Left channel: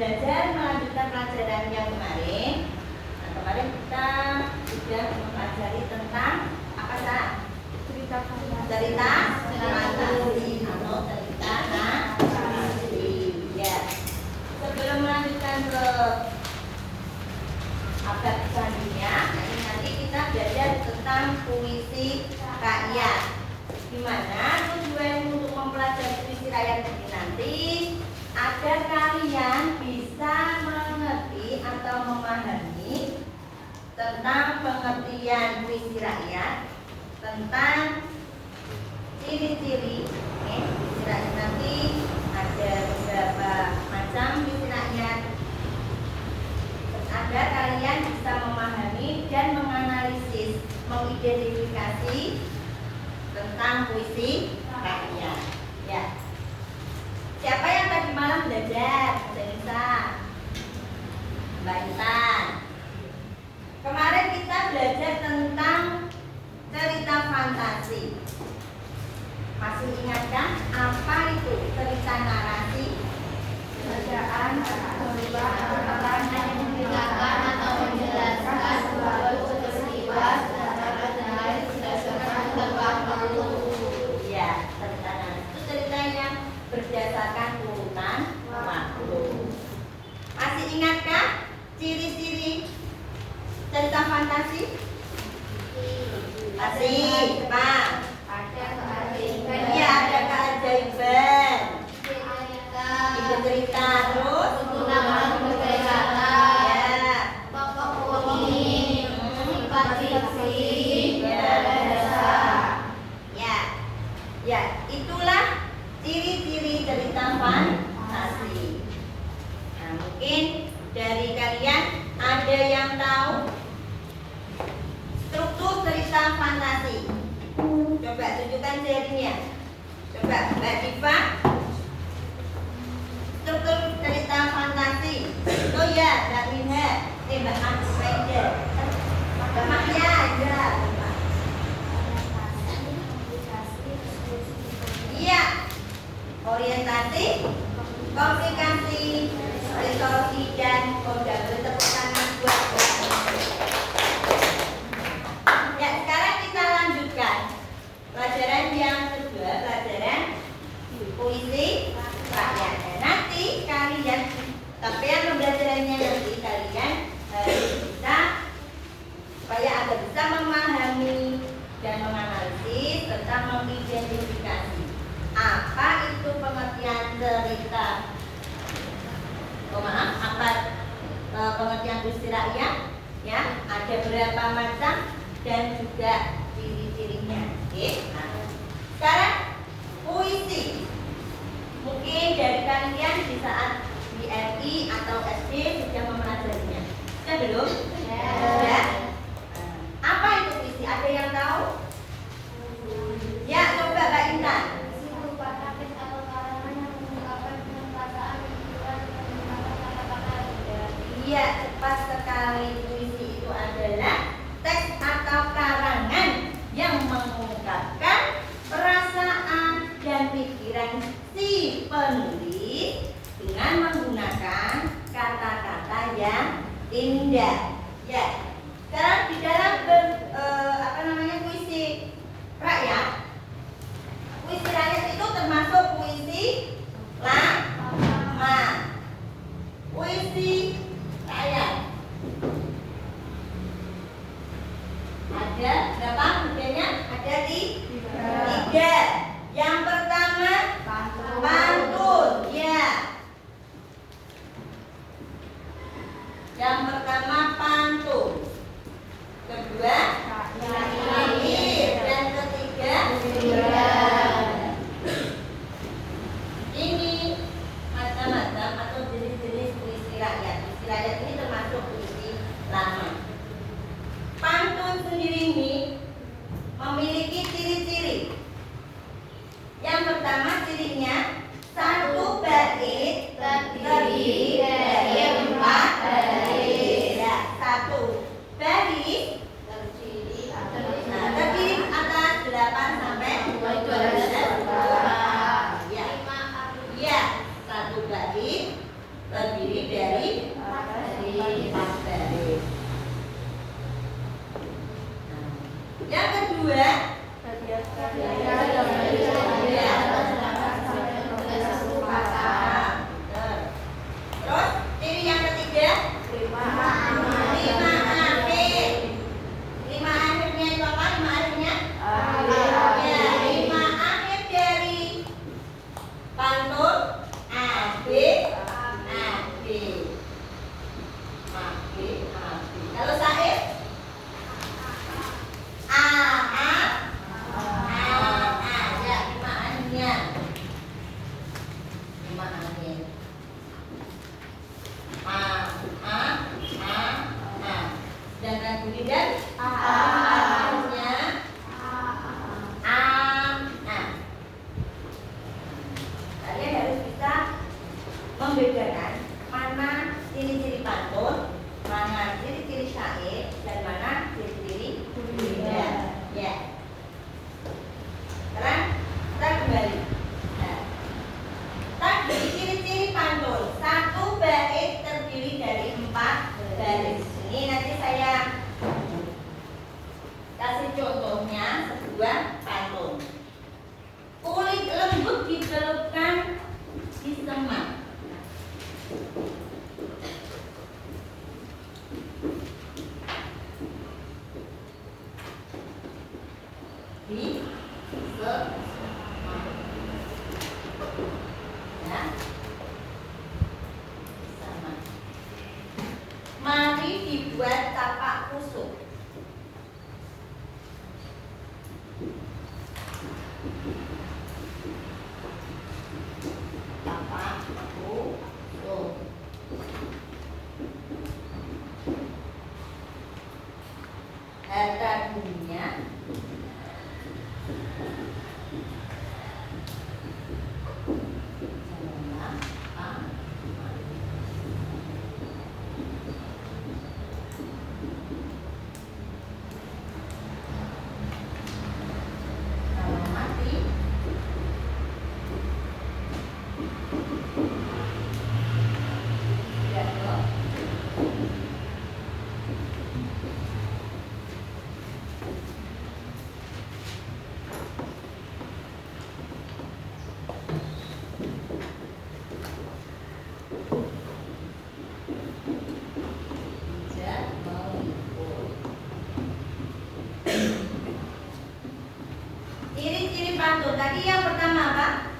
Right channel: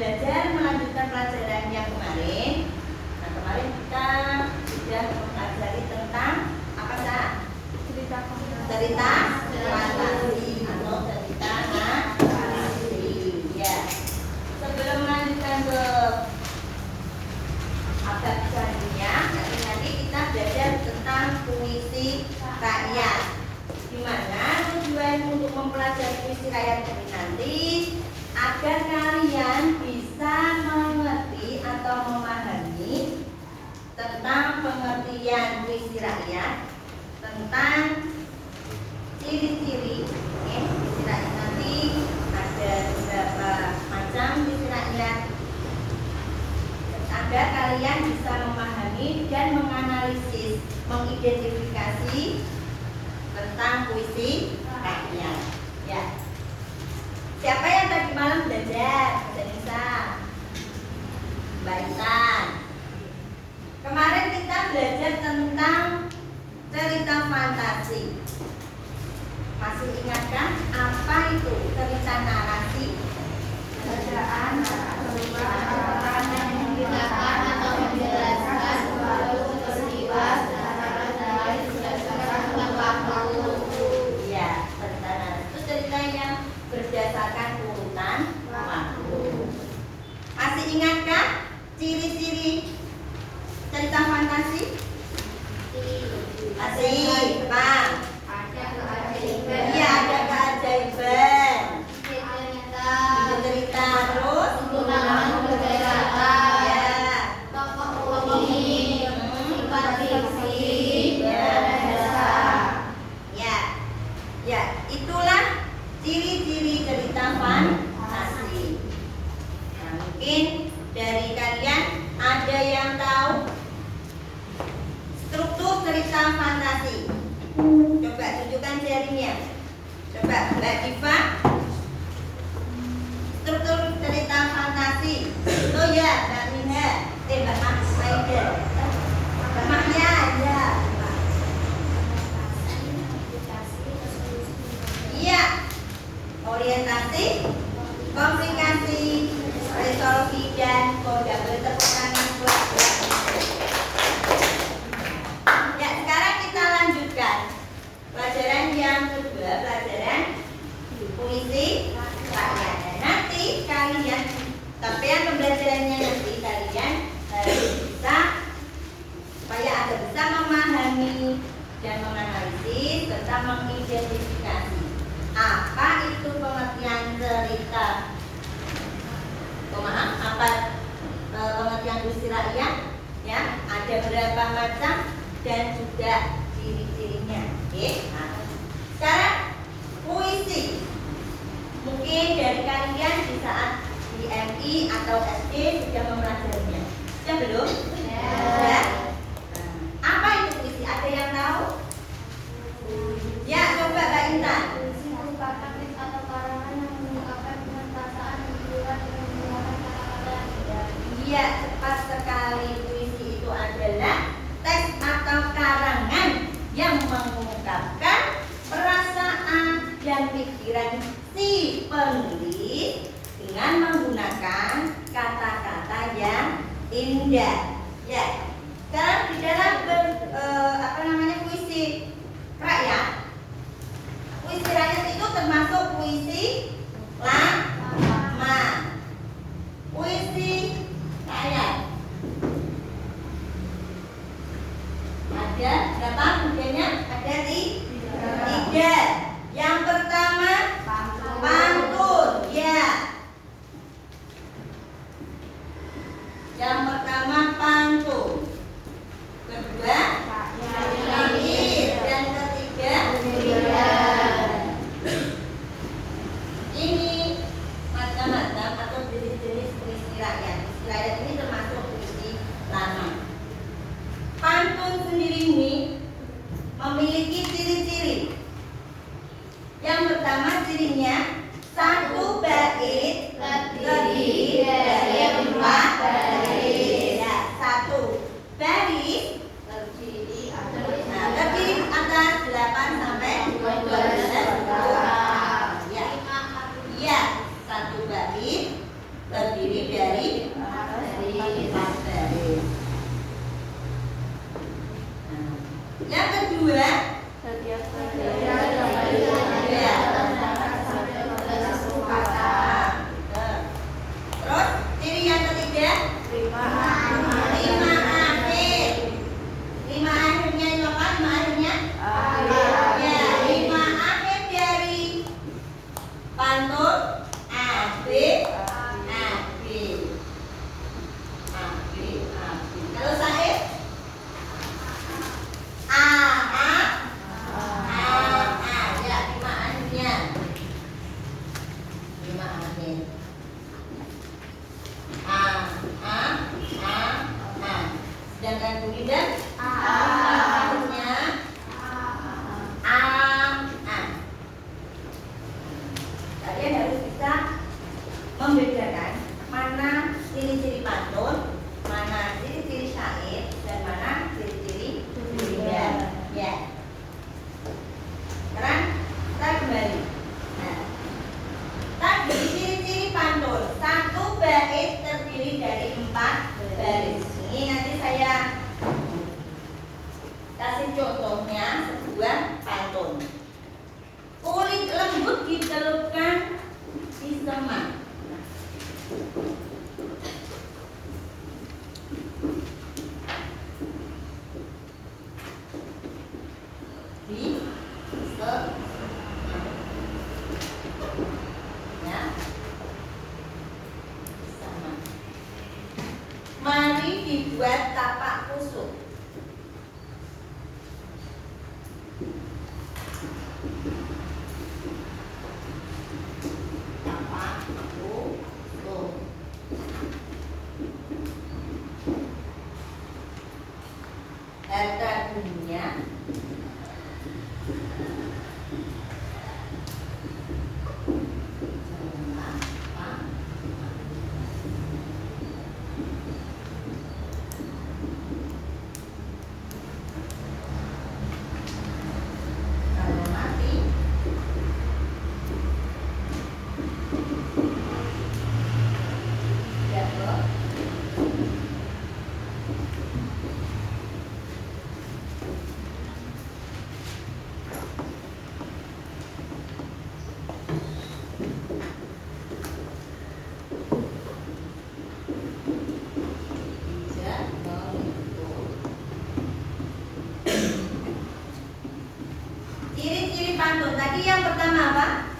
belajar melanjutkan pelajaran yang kemarin. Nah, kemarin kita sudah mempelajari tentang apa sah? Cerita fantasi atau cerita fantasi. Ya. Sebelum melanjutkan ke abad selanjutnya, nanti kita belajar tentang puisi rakyat. Dimana tujuan untuk mempelajari puisi rakyat ini nanti agar kalian bisa mengerti atau memahami tentang pengertian puisi rakyat, tentang ciri-ciri puisi rakyat. Nanti ada beberapa macam puisi rakyat agar kalian bisa memahami dan menganalisis, mengidentifikasi tentang puisi rakyat. Ya. Siapa yang tadi malam belajar bahasa Indonesia? Mbak Intan. Kemarin kita belajar tentang cerita fantasi. Masih ingatkah apa itu cerita narasi? Bacaan yang menceritakan atau menjelaskan suatu peristiwa dari berdasarkan waktu. Ya, cerita narasi itu cerita yang berdasarkan urutan waktu. Masih ingatkah ciri-ciri cerita fantasi? Masih, Pak. Ada keajaiban. Iya, ada keajaiban. Itu cerita terus penggunaan berbagai kata. Ya. Tokoh unik, sifat fiksi, bahasa. Ya. Ya, itulah ciri-ciri cerita fantasi. Nah, mungkin dari kalian ada yang tahu struktur cerita fantasi? Coba tunjukkan jarinya. Coba Mbak Diva. Struktur cerita fantasi. Oh ya, Mbak Minha. Mbak Maida. Mbak Maya, ya. Iya. Orientasi, komplikasi, resolusi dan konsep tepuk buat. Ya, sekarang kita lanjutkan pelajaran yang kedua, pelajaran puisi rakyat. Dan nanti kalian, capaian pembelajarannya nanti kalian harus bisa supaya agar bisa memahami dan menganalisis serta mengidentifikasi apa itu pengertian cerita. Pengertian puisi rakyat, ya, ada berapa macam dan juga ciri-cirinya. Oke. Nah, sekarang puisi. Mungkin dari kalian di saat di MI atau SD sudah mempelajarinya. Sudah belum? Ya. Sudah. Nah, apa itu puisi? Ada yang tahu? Ya, coba Mbak Intan. Puisi merupakan teks atau karangan yang mengungkapkan perasaan, pikiran, dan menggunakan kata-kata. Iya, tepat sekali. Puisi itu adalah teks atau karangan yang mengungkapkan perasaan dan pikiran si penulis dengan menggunakan kata-kata yang indah. Ya. Sekarang di dalam puisi rakyat. Puisi rakyat itu termasuk puisi lama. Puisi rakyat. Ada berapa modelnya? Ada tiga. Yang pertama pantun, ya. Yang pertama pantun. Kedua nyair dan ketiga ini macam-macam atau jenis-jenis puisi rakyat. Puisi rakyat ini termasuk puisi lama. Pantun sendiri ini memiliki ciri-ciri. Yang pertama cirinya satu bait terdiri dari 4 baris. Ya, satu baris terdiri atas 8 sampai 12 ya. Ya, satu bait terdiri dicelupkan di semak. Di semak. Ya. Sama. Mari dibuat tapak kusuk. Tapak kusuk. Harta dunia kalau mati jatuh tidak mengikut. Ciri-ciri pantun tadi yang pertama apa?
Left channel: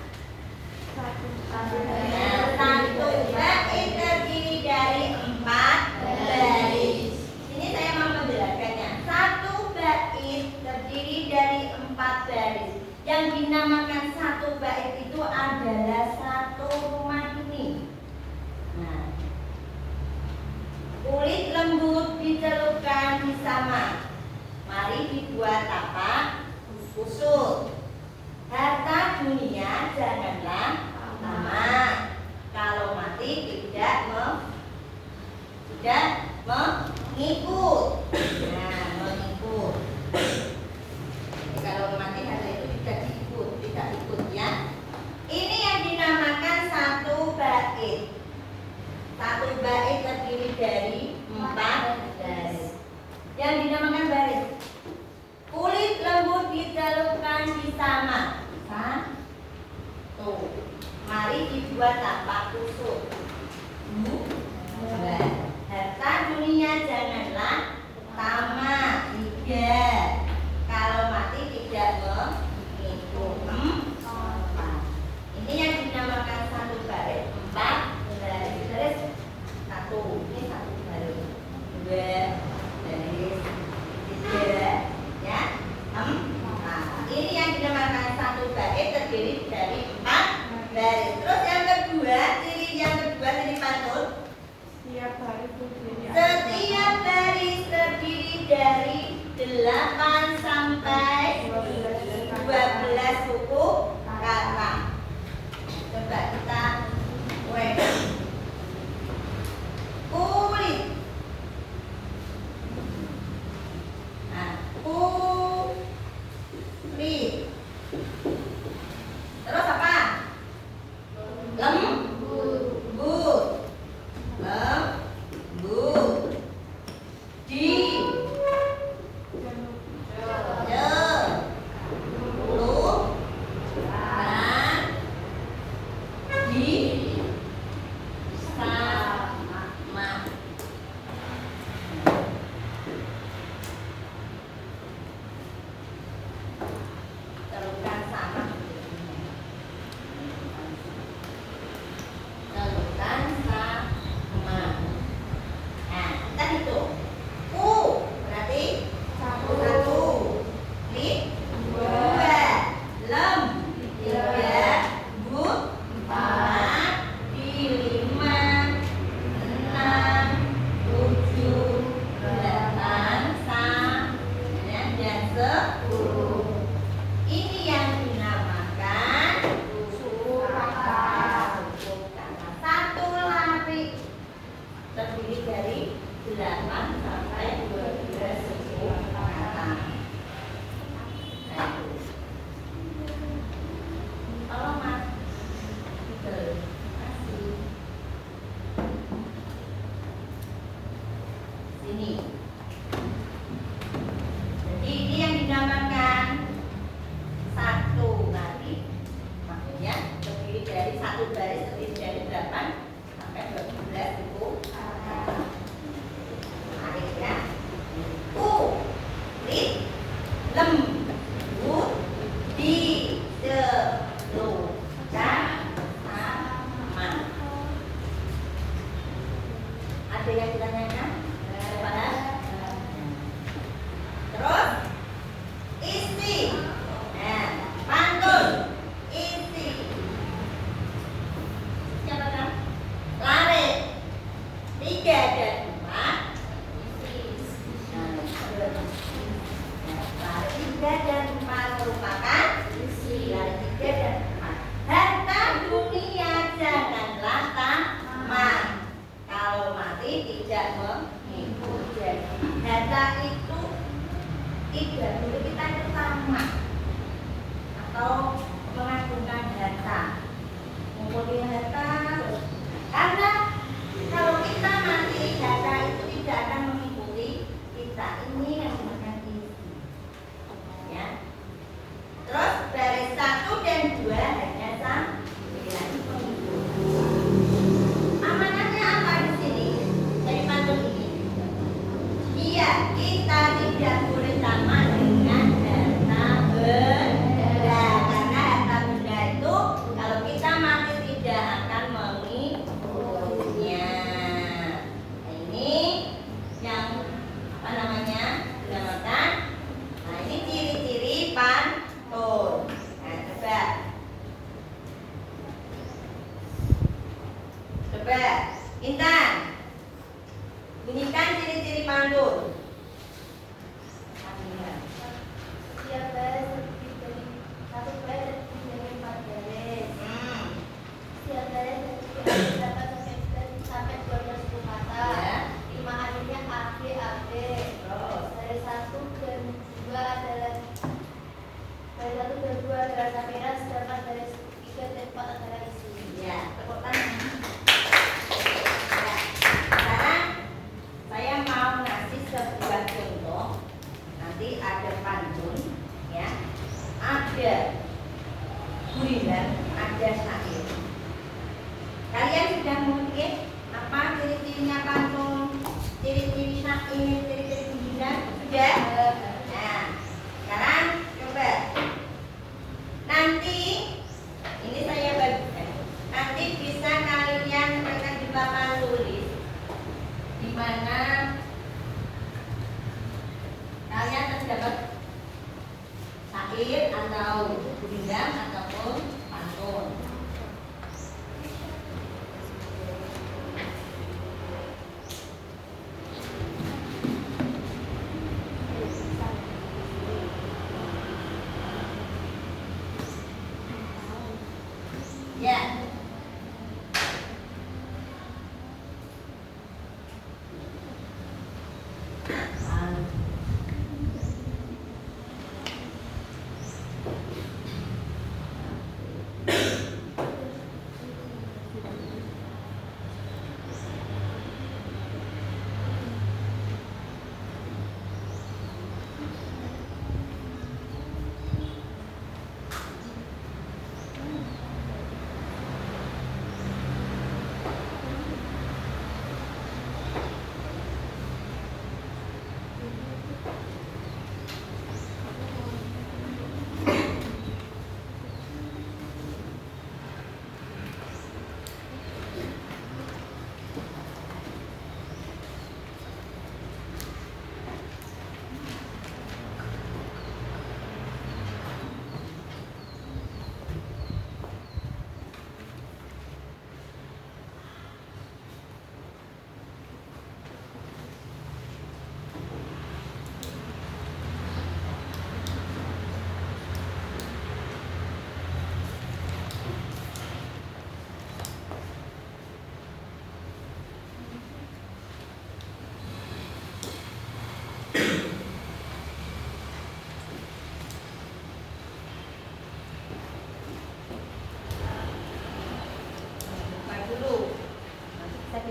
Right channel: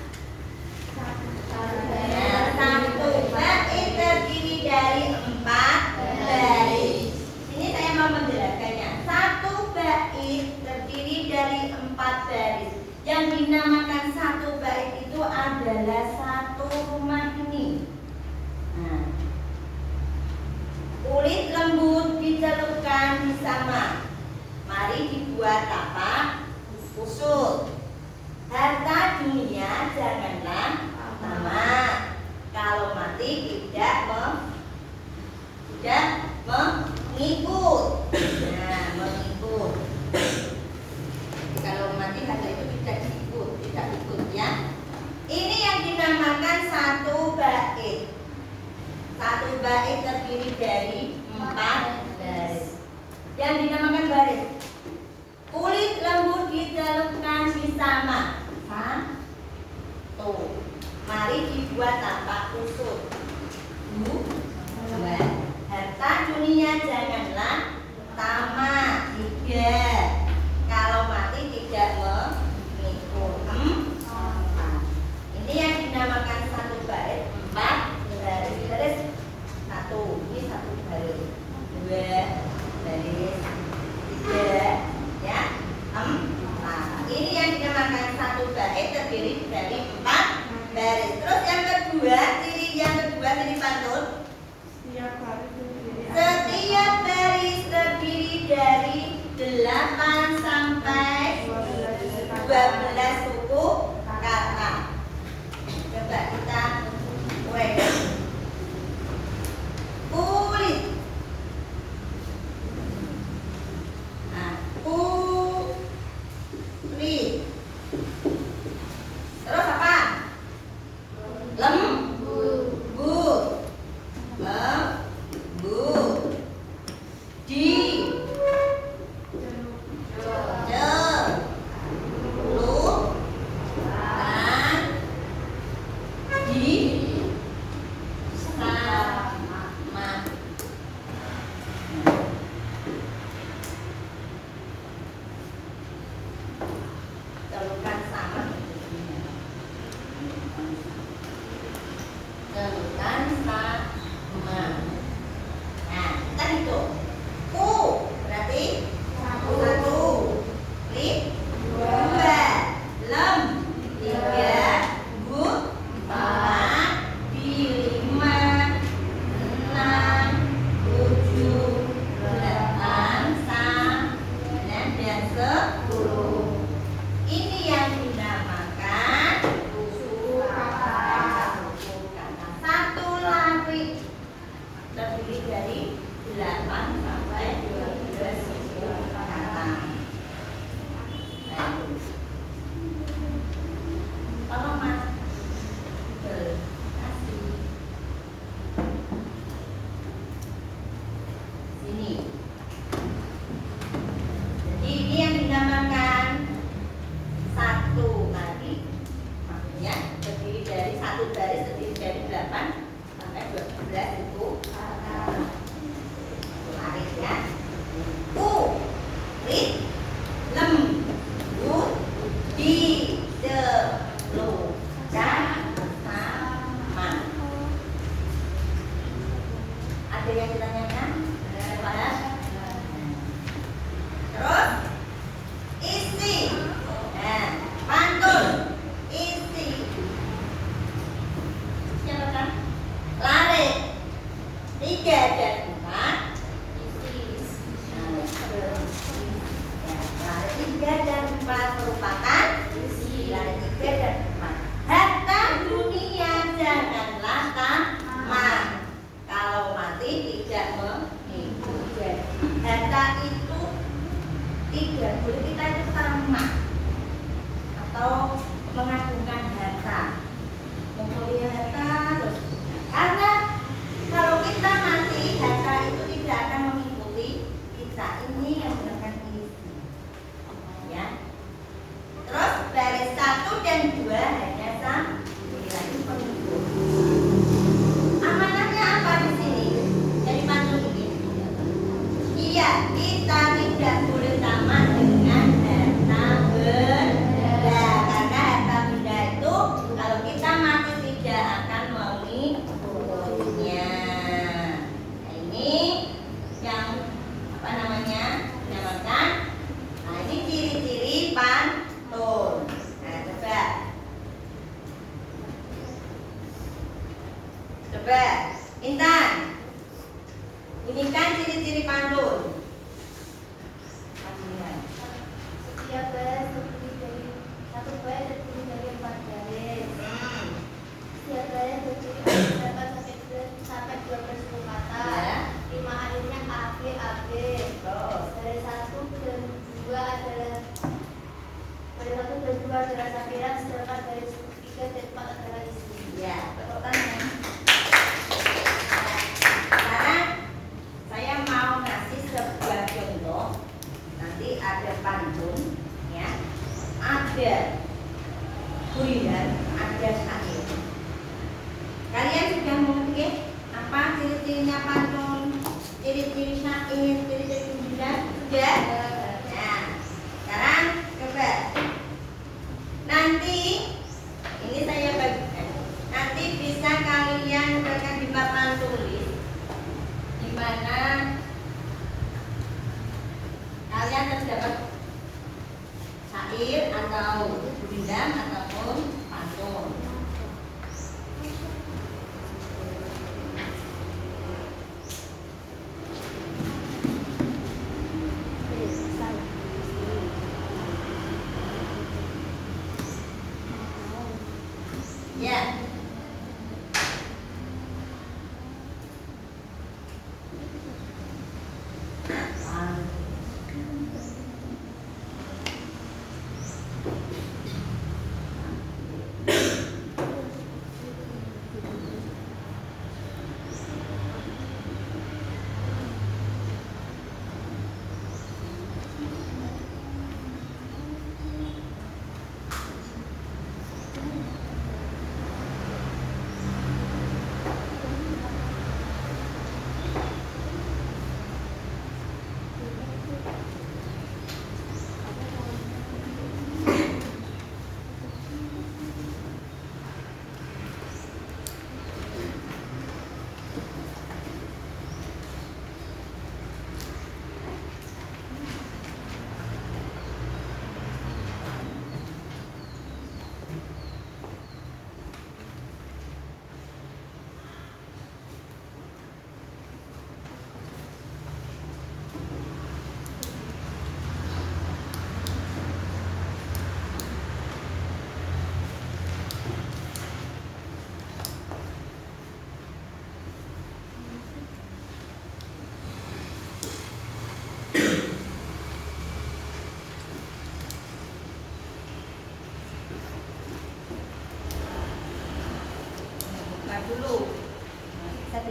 Satu bait terdiri dari 4 baris. Ini saya mau menjelaskannya. Satu bait terdiri dari 4 baris. Yang dinamakan satu bait itu adalah satu rumah ini. Nah, kulit lembut dicelupkan di samak. Mari dibuat tapak kusuk. Harta dunia janganlah tamak. Kalau mati tidak mengikut. Nah, mengikut. Kalau mati harta itu tidak ikut ya. Ini yang dinamakan satu bait. Satu bait terdiri dari 4 baris. Yang dinamakan baris. Kulit lembut dicelupkan di samak. Satu. Mari dibuat tapak kusuk. 2. Harta dunia janganlah tamak. 3. Kalau mati tidak mengikut. 4. Ini yang dinamakan satu bait. 4 baris. 1. Ini satu baris. 2 baris. 3 ya. 4. Ini yang dinamakan satu bait terdiri dari 4 baris. Terus yang kedua, ciri pantun. Setiap baris terdiri dari 8 sampai 12 suku kata. Coba kita uraikan. Kulit. Nah, kulit. Terus apa? Lembut. Di Sama. Ada yang ditanyakan? Paham? Terus isi. Nah, pantun. Isi. Siapa kan? Lari. 3 dan 4. Lari 3 dan 4 merupakan isi. Lari 3 dan 4. Harta dunia janganlah tamak. Kalau mati tidak menghidup. Harta itu tidak boleh kita itu tamak atau mengagungkan harta, mempunyai harta terus. Karena kalau kita mati, harta itu tidak akan mengikuti kita. Ini yang merupakan isi. Ya. Terus baris 1 dan 2 hanya sambilan pengikut. Amanatnya apa di sini? Dari pantun ini. Iya, kita tidak boleh tamak dengan harta benda. Karena harta benda itu kalau kita mati tidak akan mengikutinya. Nah, ini yang apa namanya? Dinamakan. Nah, ini ciri-ciri pantun. Nah, coba Intan, bunyikan ciri-ciri pantun. Setiap baris terdiri dari satu baris terdiri dari 4 baris. Setiap baris terdiri dari 8 sampai 12 kata. Ya. 5 alinea A, B, A, B. Terus. Dari 1 dan 2 adalah sapiran, sedangkan dari 3 dan 4 adalah isi. Ya, tepuk tangan. Ya. Sekarang saya mau ngasih sebuah contoh. Nanti ada pantun, ya. Ada guliran, ada syair. Kalian sudah mungkin apa ciri-cirinya pantun, ciri-ciri syair, ciri-ciri guliran? Sudah? Nah, sekarang coba. Nanti ini saya bagikan. Nanti bisa kalian tekan di papan tulis di mana kalian terdapat syair atau guliran ataupun pantun. Ya.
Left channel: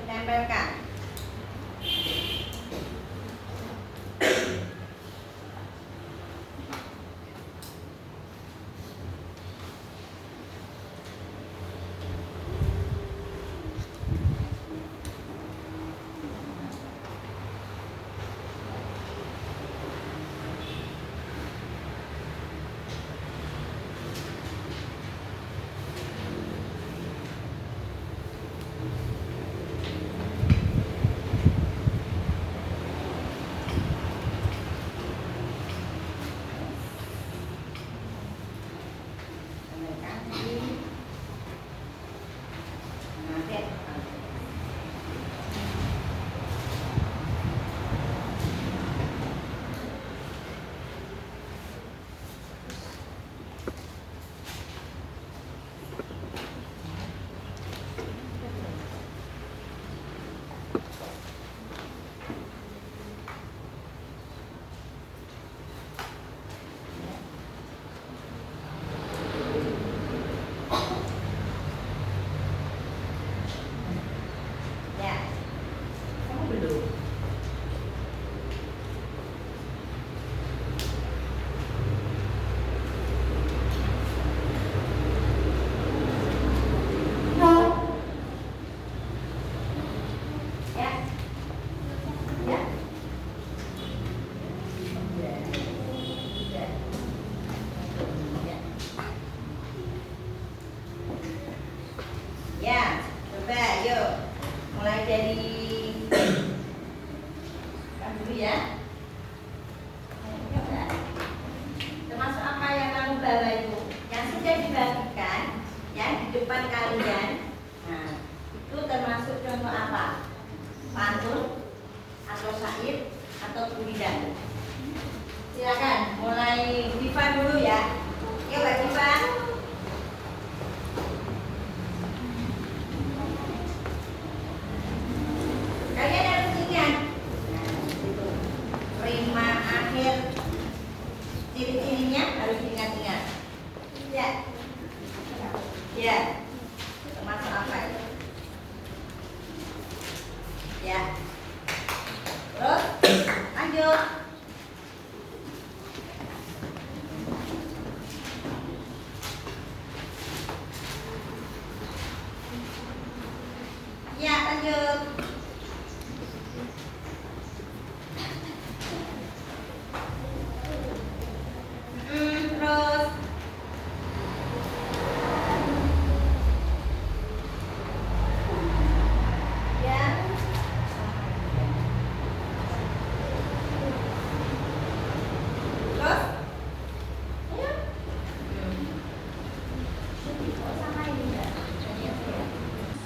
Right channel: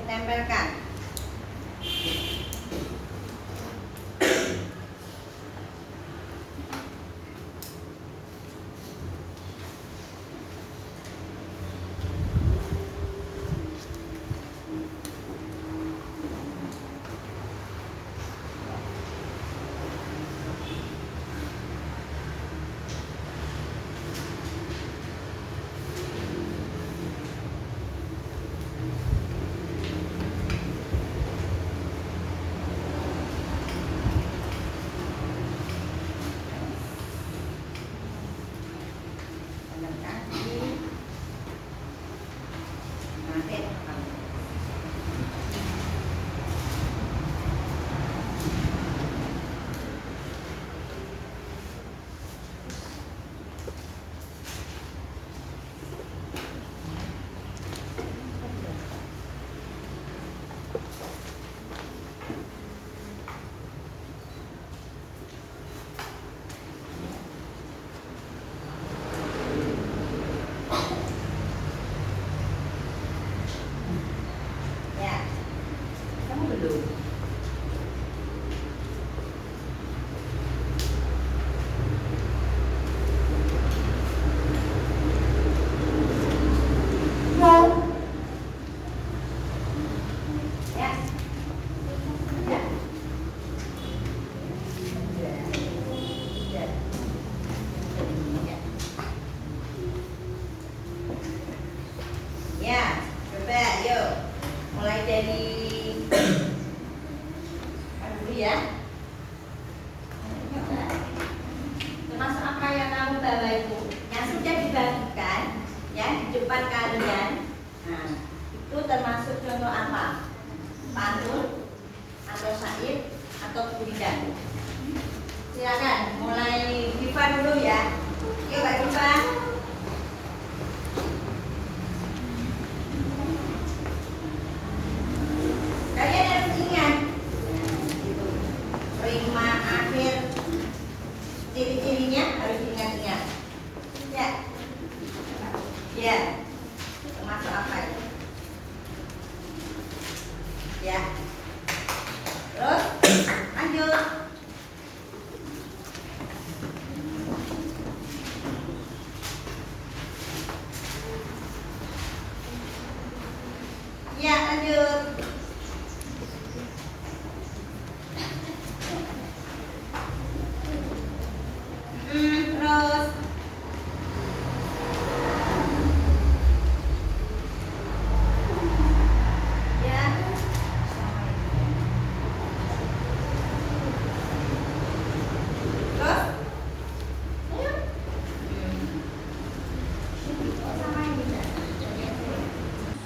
ditempelkan. di depan kalian, nah itu termasuk contoh apa? Pantun atau syair atau pujian? Silakan, mulai Diva dulu ya. Yuk Mbak Diva. Kalian harus ingat rima akhir ciri-cirinya harus diingat-ingat. Ya. Ya. Termasuk apa ini? Ya. Terus lanjut. Ya, lanjut. Terus ya. Terus sama ini enggak?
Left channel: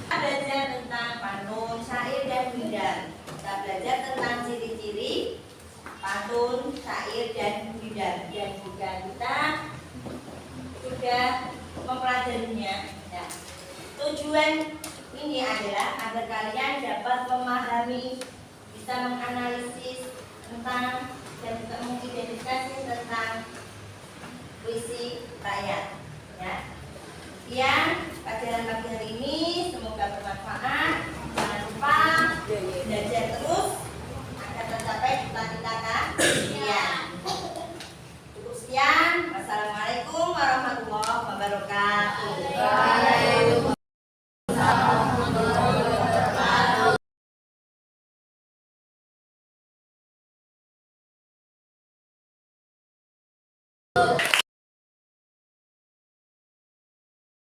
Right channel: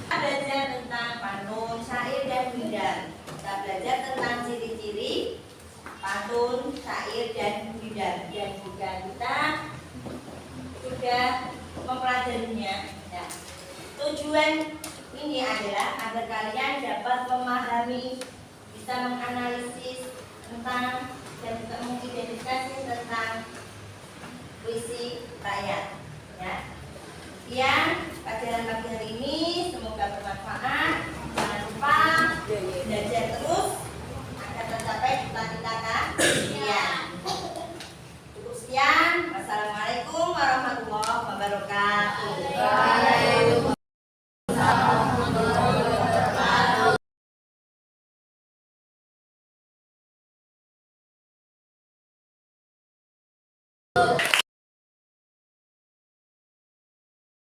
Kita belajar tentang pantun, syair dan pujian. Kita belajar tentang ciri-ciri pantun, syair dan pujian. Dan juga kita sudah mempelajarinya. Ya. Tujuan ini adalah agar kalian dapat memahami, bisa menganalisis tentang dan juga mengidentifikasi tentang puisi rakyat. Ya. Sekian pelajaran pagi hari ini, semoga bermanfaat. Jangan lupa belajar terus agar tercapai cita-cita kalian. Cukup sekian. Wassalamualaikum warahmatullahi wabarakatuh.